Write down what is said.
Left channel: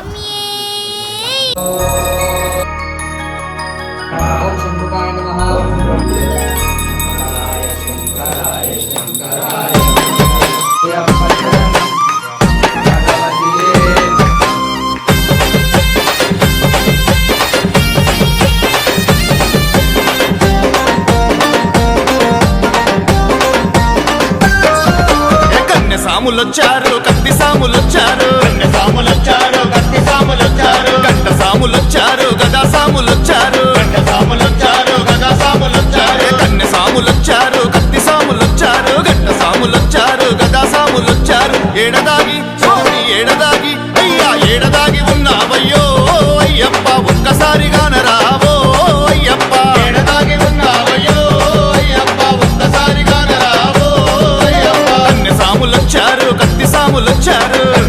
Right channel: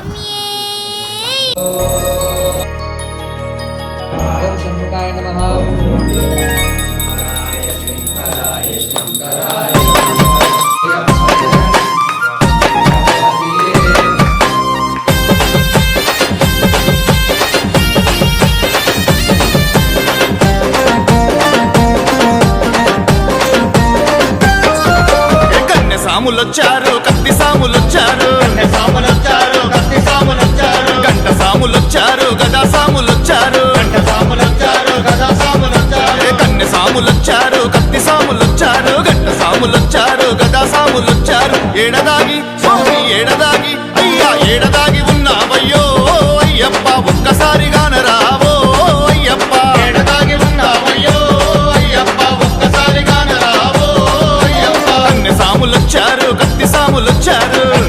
స్వామియే. ఓం షణ్ముఖాయ నమః. సాములొచ్చారు, కత్తి సాములొచ్చారు, గంట సాములొచ్చారు, గదా సాములొచ్చారు, కన్నె సాములొచ్చారు, కత్తి సాములొచ్చారు, గంట సాములొచ్చారు, గదా సాములొచ్చారు. ఏడదాగి స్వామి ఏడదాగి అయ్యా ఏడదాగి ఉన్నావయ్యో అయ్యప్ప, ఒక్కసారిగాన రావో అయ్యప్ప. కన్నె సాములొచ్చారు, కత్తి సాములొచ్చారు,